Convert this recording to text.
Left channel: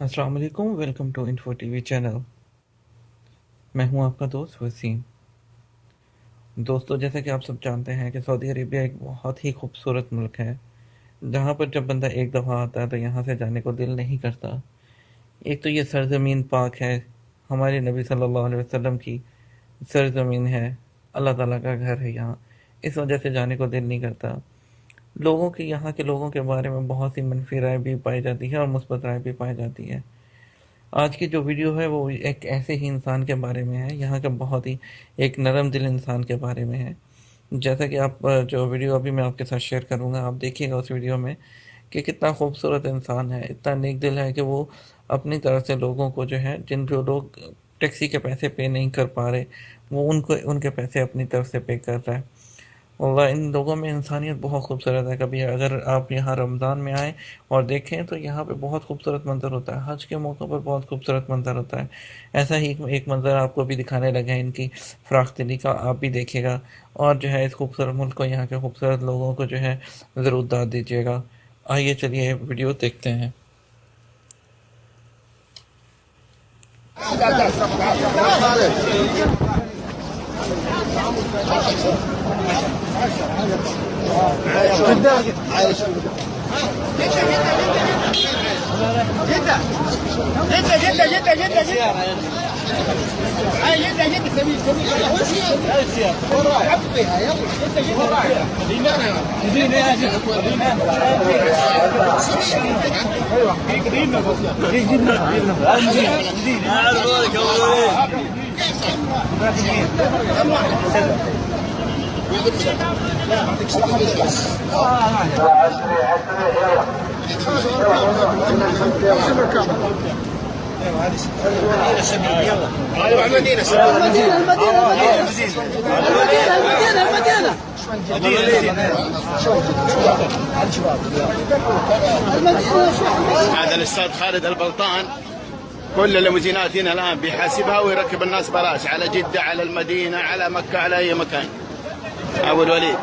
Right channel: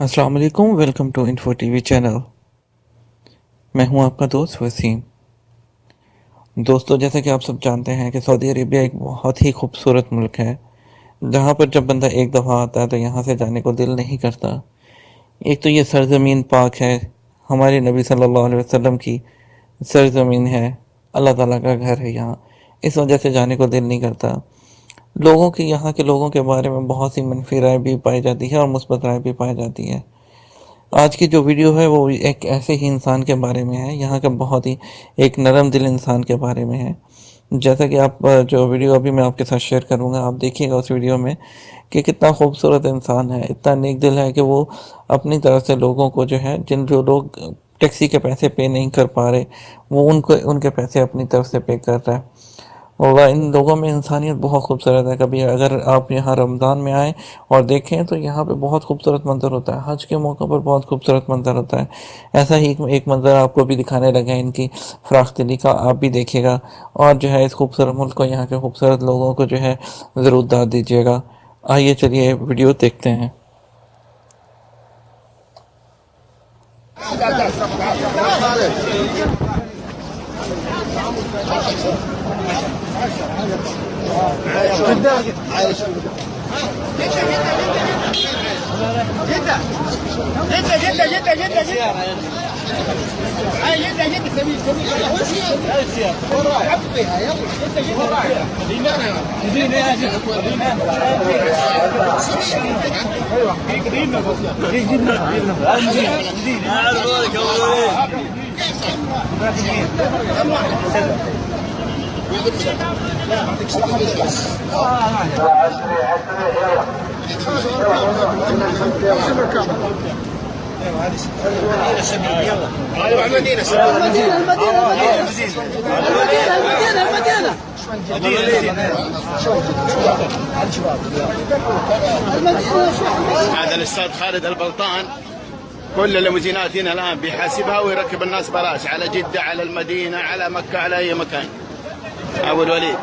अस्सलाम वालेकुम, welcome to info TV channel. मैं हूं आपका दोस्त वसीम। दोस्तों, जैसा कि आप सब जानते हैं कि सऊदी अरेबिया एक बहुत ही खूबसूरत मुल्क है, जहां पर जब बंदा एक दफ़ा आता है तो यहां से जाने को दिल नहीं करता। एक तो ये सरजमीन पाक है, हमारे नबी सल्लल्लाहु अलैहि वसल्लम की सरजमीन है, अल्लाह ताला का घर है यहाँ। इस वजह से जाने को दिल नहीं करता। लोगों की यहाँ के लोगों के बारे में बहुत सी मनफी राय भी पाई जाती है और मुस्बत राय भी पाई जाती है। आज की जो वीडियो है वो एक ऐसे ही इंसान के बारे में है, यहाँ का बहुत ही एक नरम दिल इंसान के बारे में है। जैसा कि आप जो वीडियो अभी मैं आपके साथ शेयर करूँगा, आप देखिएगा उस वीडियो में कि कितना खूबसूरत इंसान है, इतना नेक दिल है कि वो अपनी तरफ से लोगों को जो है, जो लोग टैक्सी के पैसे पे नहीं कर पा रहे, वो उनको उनके पैसे अपनी तरफ से पे कर रहा है। और इन लोगों में इंसानियत बहुत खूबसूरत है। कभी अगर आप यहाँ रमज़ान में आएँ और देखें तो यहाँ पे बहुत खूबसूरत मंज़र होता है। हज के मौक़े पर बहुत खूबसूरत मंज़र होता है। ऐसा ही एक मंज़र आपको भी दिखाने लगे हैं, इनकी फ़राख़ दिली का, आप भी देखिएगा और जो है इस खूबसूरत मुल्क को, यहाँ के खूबसूरत लोगों को जो है ज़रूर दाद दीजिएगा। आइए चलिए वीडियो देखते हैं। جدة جدة جدة جدة جدة هاي جدة جدة سبيل سبيل هاي السيارة حبيها يلا جدة جدة مدينة يا شيخ مدينة ايوه مدينة مدينة مدينة اعرف بالك ايوه المدينه هذا الاستاذ خالد البلطان كل الليموزينات هنا الان بيحاسبها ويركب الناس بلاش على جده، على المدينه، على مكه، على اي مكان. ابو الوليد